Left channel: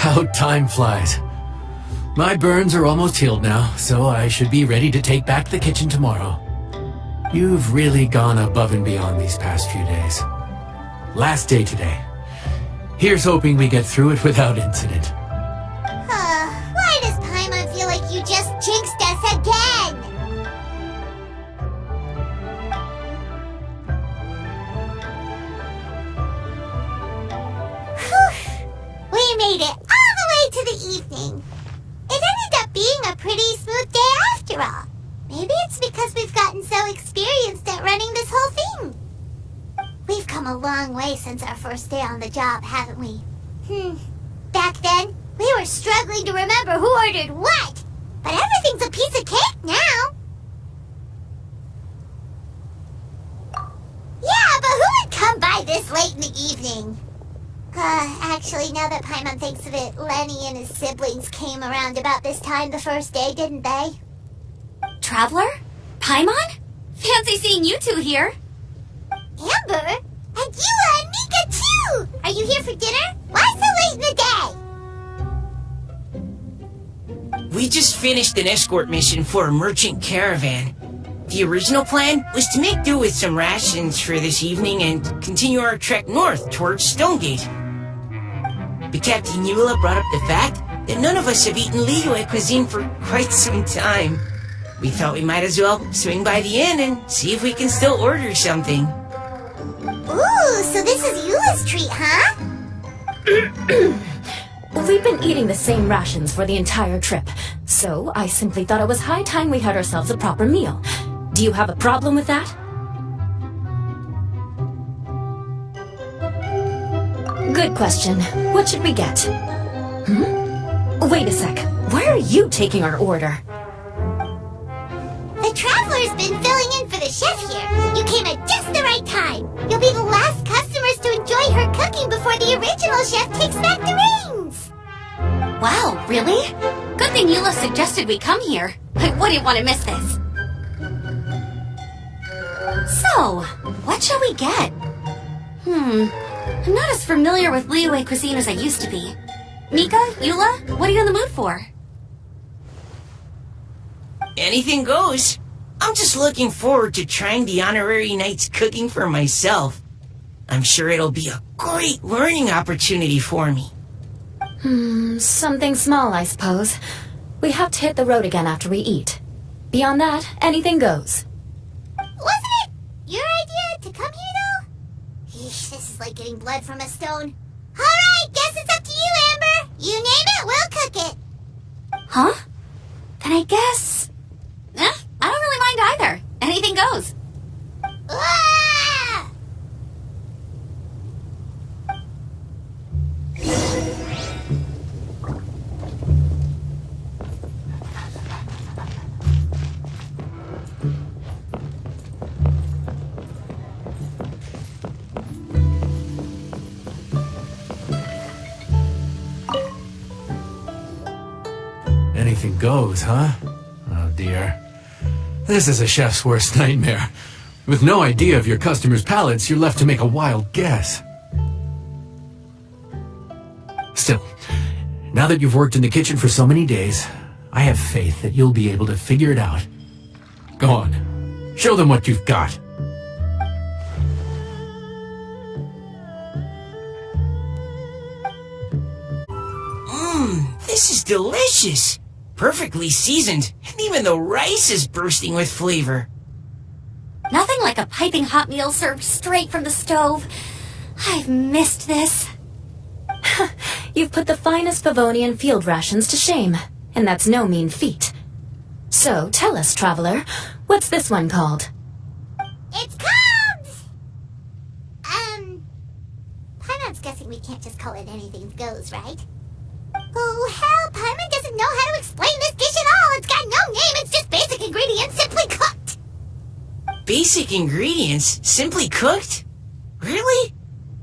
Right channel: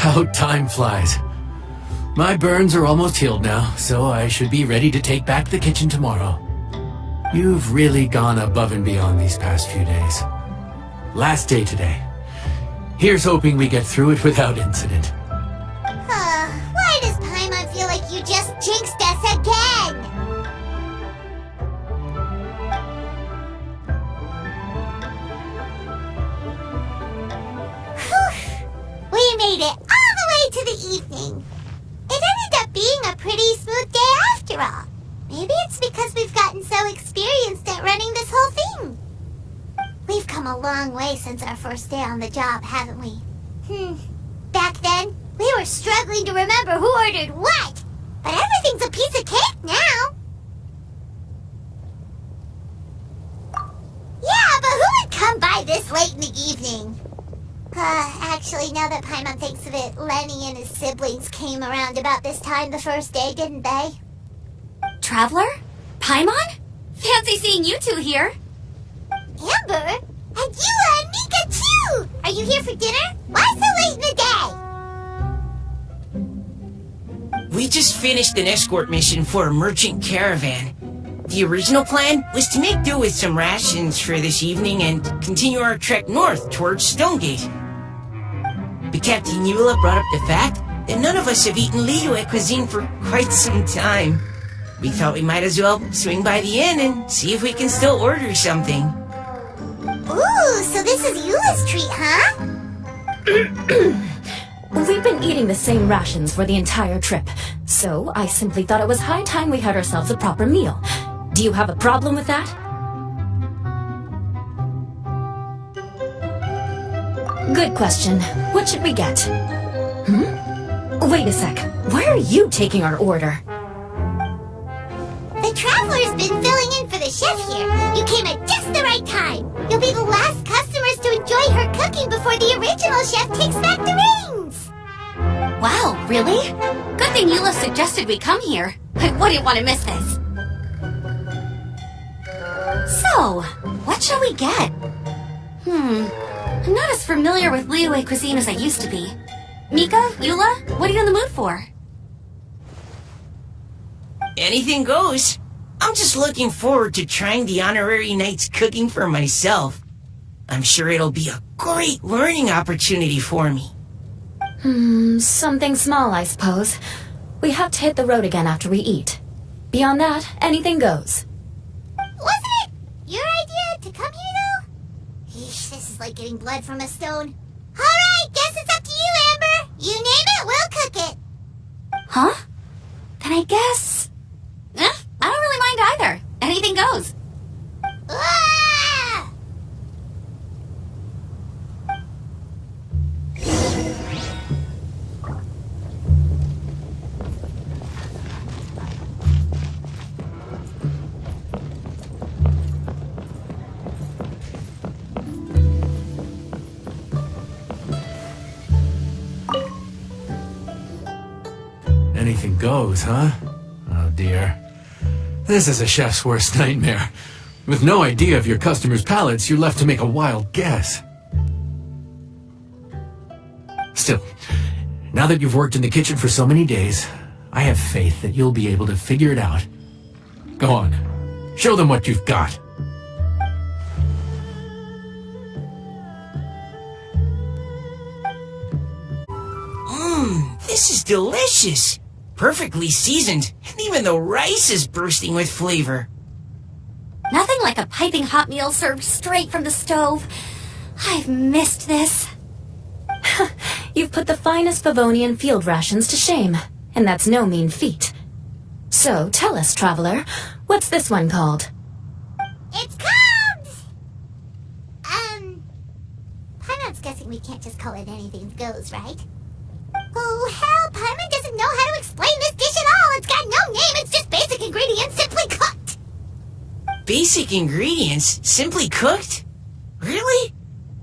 How time flies. My burns are almost healed now, so I should be ready to take back the kitchen tomorrow. You've really gone above and beyond these past few days. Last day today. Here's hoping we get through it without incident. Why does Paimon feel like you just jinxed us again? Whew. We made it all the way to the evening. It ended up being a pretty smooth day after all. Maybe it's because we've gotten so experienced at running this whole thing. We've come a long way since our first day on the job, haven't we? Back then, we were struggling to remember who ordered what. But everything's a piece of cake now. Yeah, but who would come by this late in the evening? Actually, now that Paimon thinks of it, Lenny and his siblings came around about this time the first day, didn't they? Traveler? Paimon? Fancy seeing you two here. Amber? And Eula and Mika too! Are you here for dinner? Why so late in the day? We just finished an escort mission for a merchant caravan. The original plan was to make do with some rations for this evening and continue our trek north towards Stonegate. But Captain Eula brought up the fact that none of us have eaten Liyue cuisine for quite some time. We thought we might as well swing by the inn and see if we can still order something. Ooh, so this is Eula's treat, huh? We've been eating the same rations for the entire trip, so I simply thought it was high time we had ourselves a proper meal. Do you have a problem with that? Good question. What should we get? Wait a sec. Why are you taking our order? The Traveler's been filling in for the chef here. You came at just the right time. You'll be the last customers to enjoy her cooking before the original chef takes back the reins. Wow, really? Good thing Eula suggested we come here. I wouldn't want to miss this. So, what shall we get? I'm not as familiar with Liyue cuisine as I used to be. Mika, Eula, what are you in the mood for? Anything goes. I'm just looking forward to trying the honorary knight's cooking for myself. I'm sure it'll be a great learning opportunity for me. Something small, I suppose. We have to hit the road again after we eat. Beyond that, anything goes. Wasn't it your idea to come here, though? Eesh, this is like getting blood from a stone. Alright, guess it's up to you, Amber. You name it, we'll cook it. Huh? Then I guess... I don't really mind either. Anything goes. Ah! Anything goes, huh? Oh dear. This is a chef's worst nightmare. With no idea of your customers' palates, you're left to make a wild guess. Still, now that you've worked in the kitchen for so many days, I have faith that you'll be able to figure it out. Go on. Show them what you've got. This is delicious. Perfectly seasoned, and even the rice is bursting with flavor. Nothing like a piping hot meal served straight from the stove. I've missed this. You've put the finest Favonian field rations to shame, and that's no mean feat. So, tell us, Traveler, what's this one called? It's called... Paimon's guessing we can't just call it anything goes, right? Oh, hell, Paimon doesn't know how to explain this dish at all. It's got no name, it's just basic ingredients simply cooked. Basic ingredients? Simply cooked? Really?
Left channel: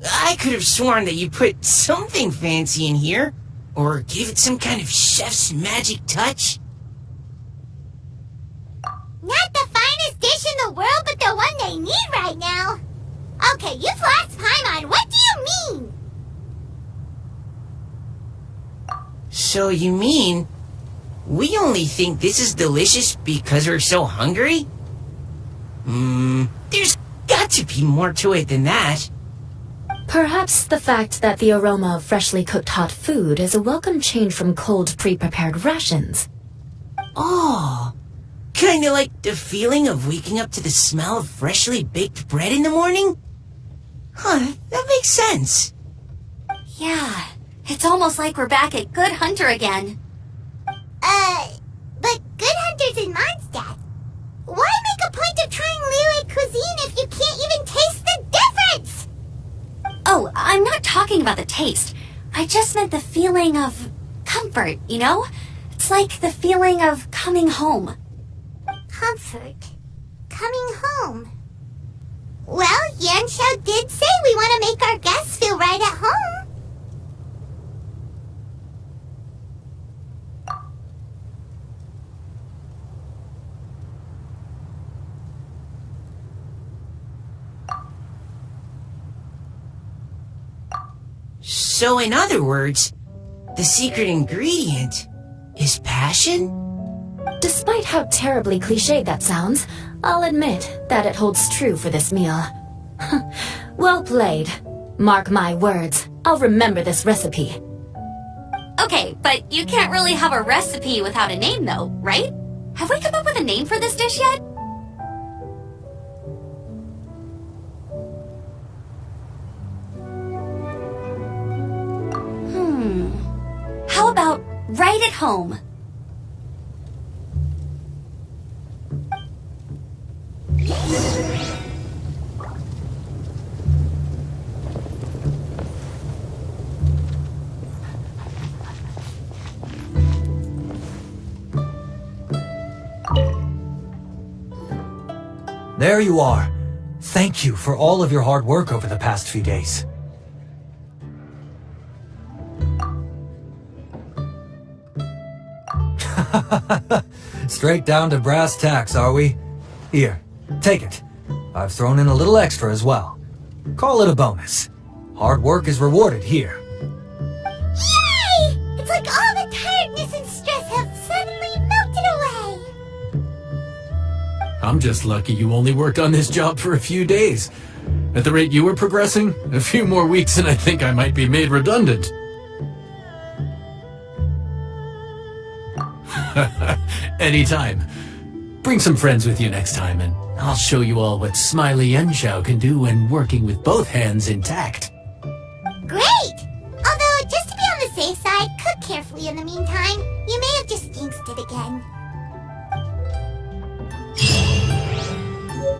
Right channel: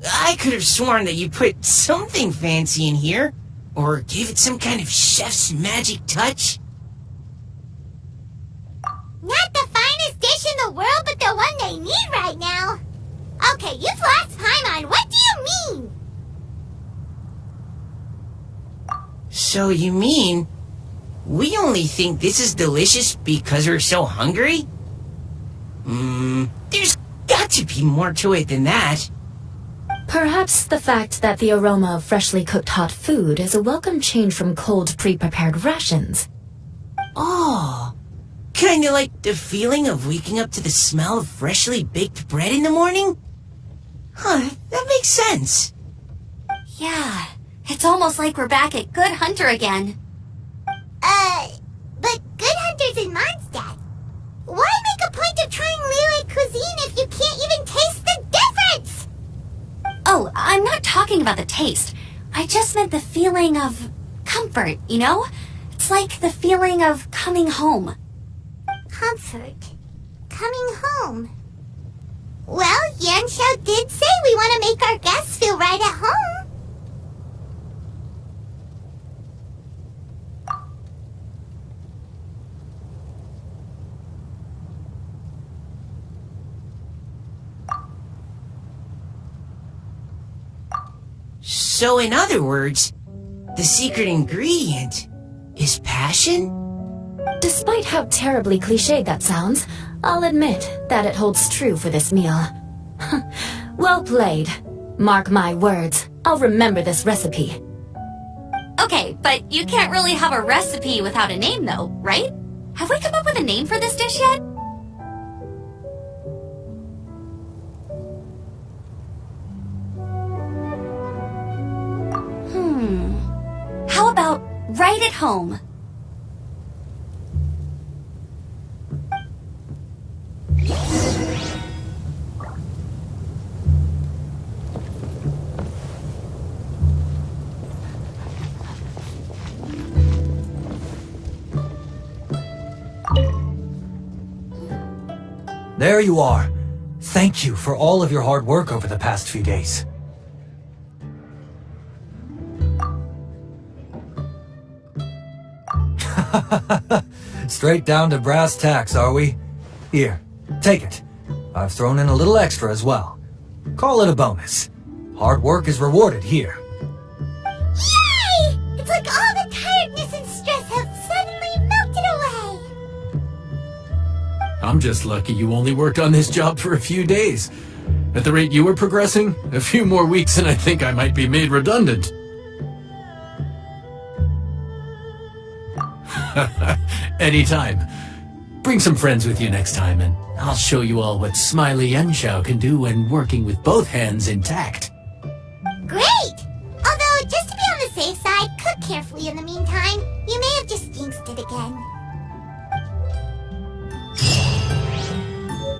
I could have sworn that you put something fancy in here, or gave it some kind of chef's magic touch. Not the finest dish in the world, but the one they need right now. Okay, you've lost Paimon. What do you mean? So you mean we only think this is delicious because we're so hungry? There's got to be more to it than that. Perhaps the fact that the aroma of freshly cooked hot food is a welcome change from cold pre-prepared rations. Oh, kinda like the feeling of waking up to the smell of freshly baked bread in the morning? Huh, that makes sense. Yeah, it's almost like we're back at Good Hunter again. But Good Hunter's in Mondstadt. Why make a point of trying Liyue cuisine if you can't even taste the difference? Oh, I'm not talking about the taste. I just meant the feeling of comfort, you know? It's like the feeling of coming home. Comfort. Coming home. Well, Yanxiao did say we want to make our guests feel right at home. So in other words, the secret ingredient is passion? Despite how terribly cliched that sounds, I'll admit that it holds true for this meal. Well played. Mark my words, I'll remember this recipe. Okay, but you can't really have a recipe without a name though, right? Have we come up with a name for this dish yet? How about right at home? There you are. Thank you for all of your hard work over the past few days. Straight down to brass tacks, are we? Here, take it. I've thrown in a little extra as well. Call it a bonus. Hard work is rewarded here. Yay! It's like all the tiredness and stress have suddenly melted away. I'm just lucky you only worked on this job for a few days. At the rate you were progressing, a few more weeks and I think I might be made redundant. Anytime. Bring some friends with you next time and I'll show you all what Smiley Yanxiao can do when working with both hands intact. Great! Although, just to be on the safe side, cook carefully in the meantime. You may have just jinxed it again.